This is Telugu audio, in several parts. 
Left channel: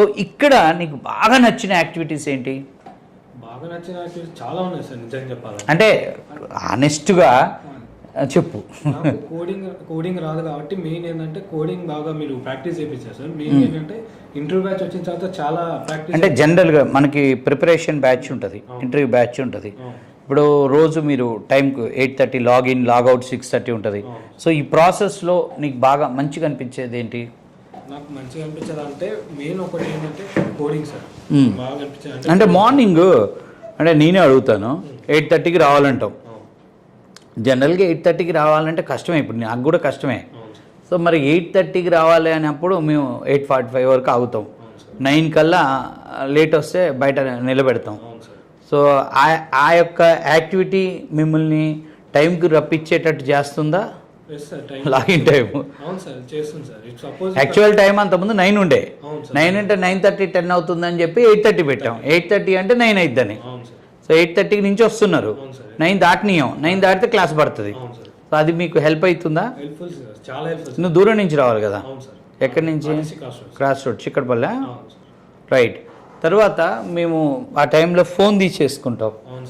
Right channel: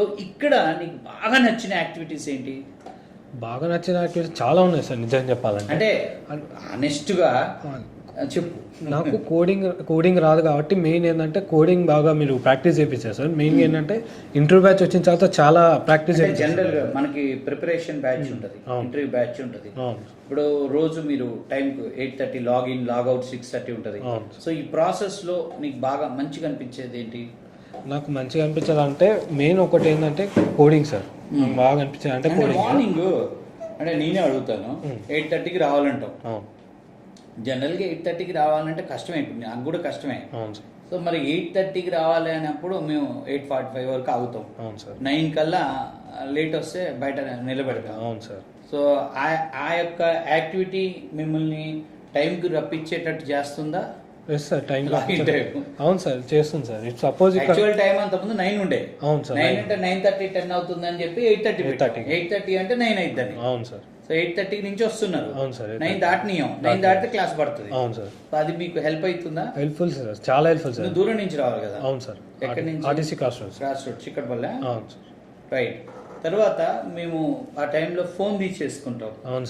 సో ఇక్కడ నీకు బాగా నచ్చిన యాక్టివిటీస్ ఏంటి? బాగా నచ్చిన యాక్టివిటీస్ చాలా ఉన్నాయి సార్ నిజంగా చెప్పాలంటే. అంటే ఆనెస్ట్గా చెప్పు. నాకు కోడింగ్ రాదు కాబట్టి మెయిన్ ఏంటంటే కోడింగ్ బాగా మీరు ప్రాక్టీస్ చేయించారు సార్. మెయిన్ ఏంటంటే ఇంటర్వ్యూ బ్యాచ్ వచ్చిన తర్వాత చాలా ప్రాక్టీస్. అంటే జనరల్గా మనకి ప్రిపరేషన్ బ్యాచ్ ఉంటుంది, ఇంటర్వ్యూ బ్యాచ్ ఉంటుంది. ఇప్పుడు రోజు మీరు టైంకు 8:30 లాగిన్, లాగౌట్ 6:30 ఉంటుంది. సో ఈ ప్రాసెస్లో నీకు బాగా మంచిగా అనిపించేది ఏంటి? నాకు మంచిగా అనిపించేది అంటే మెయిన్ ఒకటి ఏంటంటే కోడింగ్ సార్ బాగా అనిపించేది. అంటే మార్నింగ్ అంటే నేనే అడుగుతాను, 8:30కి రావాలంటావు. జనరల్గా 8:30కి రావాలంటే కష్టమే, ఇప్పుడు నాకు కూడా కష్టమే. సో మరి 8:30కి రావాలి అన్నప్పుడు మేము 8:45 వరకు ఆగుతాం. 9 కల్లా లేట్ వస్తే బయట నిలబెడతాం. సో ఆ యొక్క యాక్టివిటీ మిమ్మల్ని టైంకి రప్పించేటట్టు చేస్తుందా? లాగిన్ టైం అవును సార్ చేస్తుంది సార్. సపోజ్ యాక్చువల్ టైం అంతకుముందు 9 ఉండే. 9 అంటే 9:30 10 అవుతుందని చెప్పి 8:30 పెట్టాం. 8:30 అంటే 9 అయిద్దని. అవును సార్. సో 8:30 నుంచి వస్తున్నారు, 9 దాటనీయం. 9 దాటితే క్లాస్ పడుతుంది. సో అది మీకు హెల్ప్ అవుతుందా? హెల్ప్ఫుల్ సార్, చాలా హెల్ప్ఫుల్. నువ్వు దూరం నుంచి రావాలి కదా? అవును సార్. ఎక్కడి నుంచి? Cross road, Chikkadpally. రైట్. తర్వాత మేము ఆ టైంలో ఫోన్ తీసేసుకుంటాం. అవును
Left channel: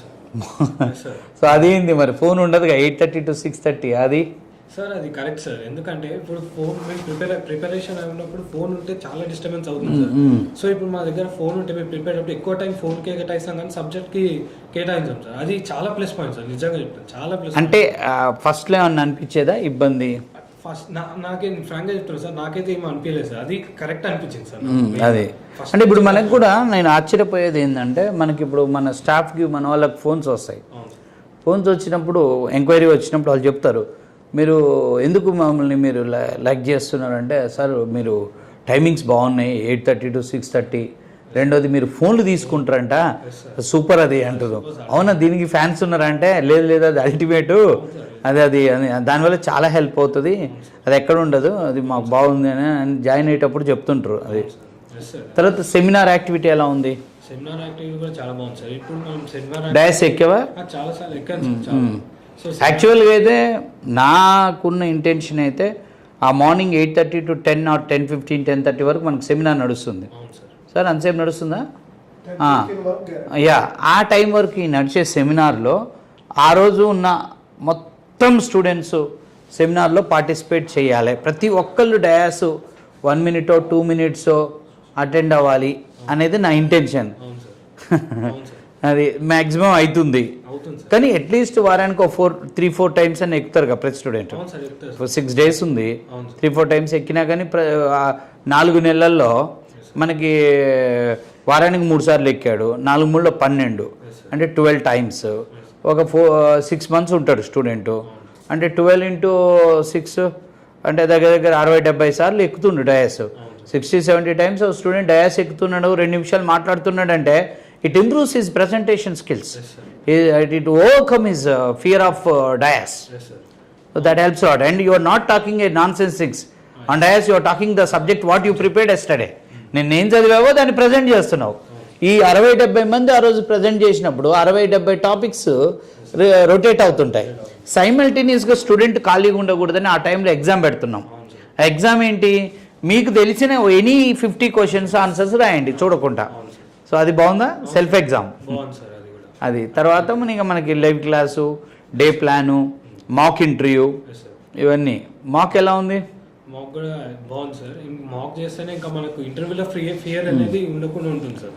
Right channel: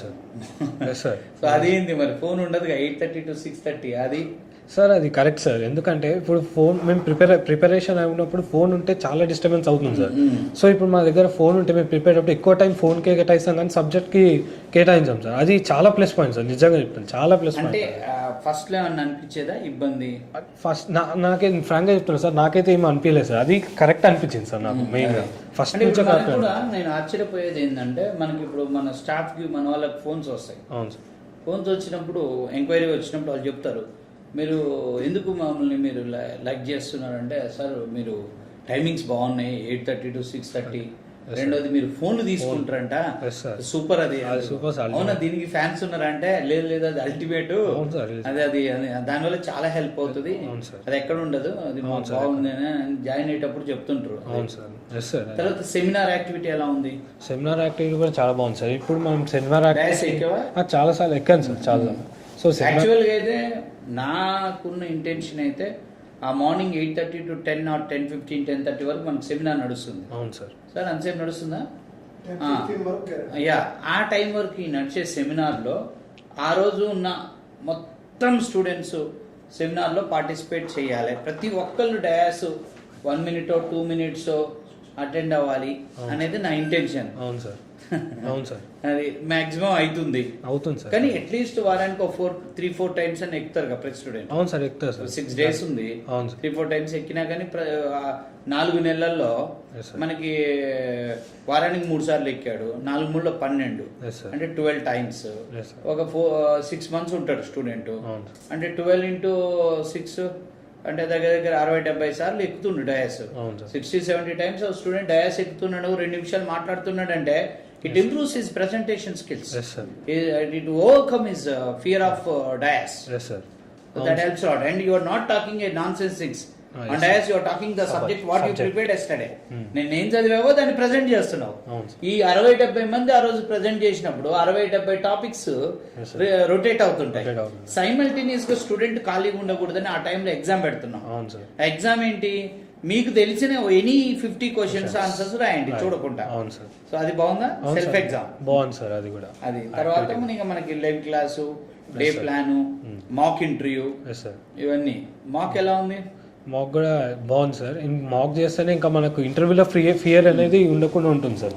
సార్. సో అదేంది మరి ఫోన్ ఉండదుగా 8:30 to 6:30? అది సార్ అది కరెక్ట్ సార్. ఎందుకంటే ఇప్పుడు ఫోన్ మేము ప్రిపరేషన్ అయి ఉన్నప్పుడు ఫోన్ ఉంటే చాలా డిస్టర్బెన్స్ అవుతుంది సార్. సో ఇప్పుడు మా దగ్గర ఫోన్ ఉంటే మేము ప్రిపేర్ అప్పుడు ఎక్కువ టైం ఫోన్కే కేటాయిస్తాం కానీ సబ్జెక్ట్కి కేటాయించాం సార్. అది చాలా ప్లస్ పాయింట్ సార్, నిజంగా చెప్తాను చాలా ప్లస్. అంటే ఫస్ట్లో ఏమన్నా అనిపించేదా ఇబ్బంది? ఫస్ట్ నాకే ఫ్రాంక్గా చెప్తున్నాను సార్, నాకైతే ఏమీ అనిపించలేదు సార్. అది కరెక్ట్ అనిపించింది సార్ నాకు. అదే ఫస్ట్ అంటే ఇప్పుడు మనకు కూడా నేను ఆశ్చర్యపోయేది ఏంటంటే మనకి ఇప్పుడు మన స్టాఫ్కి మన వాళ్ళకి ఫోన్స్ వస్తాయి. ఫోన్స్ వచ్చినప్పుడు ఎంక్వైరీ వచ్చినప్పుడు వాళ్ళు చెప్తారు, మీరు ఎందుకు మమ్మల్ని మీరు లైక్ చేస్తున్నారంటే, సార్ మీరు టైమింగ్స్ బాగున్నాయి 8:30 to 6:30. రెండోది మీరు ఫోన్లు తీసుకుంటారంట, సూపర్ అది అంటారు. అవునా, దీనికి ఫ్యాన్స్ ఉన్నారంటే లేదు అది అల్టిమేట్, అది దానివల్ల చాలా హెల్ప్ అవుతుంది, అది ఎక్కడ ఉండదు, అది మాకు బాగుంది అని జాయిన్ అయ్యేటప్పుడు చెప్తుంటారు. అది తర్వాత సెమినార్ యాక్టివిటీ ఎలా ఉంది? సెమినార్ యాక్టివిటీ కూడా చాలా బాగుంది సార్. ఇప్పుడు మనం సెమినార్ డయాస్ ఎక్కేవా? చాలా సార్లు ఎక్కాను సార్, చాలా. సో యాక్చువల్గా అయితే నాకున్న ఇంటెన్షన్ అయితే ఆ మార్నింగ్ 8:30 to 10 or 10:15, 10:30 వరకు మనకు సెమినార్ నడుస్తుంది. అవును సార్. సార్ అంతసేపు నడుస్తుందా? యా, ఆ టైం వరకు ఈ నడిచే సెమినార్లో ఆ రోజు ఉన్న మొత్తం స్టూడెంట్స్ సెమినార్లో పార్టిసిపేట్ చేయాలి. ప్రతి ఒక్కళ్ళు డయాస్ 1 minute 2 minutes అటెండ్ అవ్వాలి అనేది నా ఇంటెన్షన్. అవును సార్. అవును సార్. అది మ్యాక్సిమం అవుతుంది కానీ అట్లీస్ట్ వారానికి 3-4 టైమ్స్ అని ఎక్కుతారు కదా ప్రతి స్టూడెంట్. 6 days ఉంది, 3-4 టైమ్స్ ఎక్కినా కానీ 4 నెలల్లో మనకి వారానికి 3 సార్లు ఎక్కాడు, 4 12 అంటే 12 times. ఒక 6 months ఉంటాడు స్టూడెంట్ అంటే 12 into 6 అంటే దగ్గర 60-70 సార్లు ఎక్కుతుండు డయాస్. 60-70 times స్టూడెంట్ డయాస్ ఎక్కుతున్నాడు, 2 నిమిషాలు మాట్లాడుతున్నాడు అంటే it improves his presentation skills. Yes sir. It overcome his fear of dais. Yes sir. So that helps out, and you are not talking a nonsense things. On dais you are talking the subject what you prepared yesterday. నేను ఏం చదివావో దాన్ని ప్రజెంట్ చేస్తున్నావు. ఈ 60-70 మంది ఆ రోజు ప్రజెంట్ చేసినప్పుడు 60-70 టాపిక్స్ రొటేట్ అవుతుంటాయి. సైమల్టేనియస్గా స్టూడెంట్ ఖాళీగా ఉండకూడదని ఆ టైంలో ఎగ్జామ్ పెడుతున్నాం. ఆ ఎగ్జామ్ ఏంటి, మీకు తెలిసిన ఎనీ 50 questions ఆన్సర్స్ రాయండి చూడకుండా. సో అది బాగుందా? సెల్ఫ్ ఎగ్జామ్ బాగుంది సార్. అది కూడా అది తర్వాత మనకి live class, day plan, mock interview, ఇవన్నీ. మాక్ ఎలా ఉంది? మాక్ కూడా బాగుంది సార్. మాక్ చేస్తేనే ఇంకా మనకు ఇంటర్వ్యూలో ఫియర్ అనేది ఉండకుండా ఉంటుంది సార్.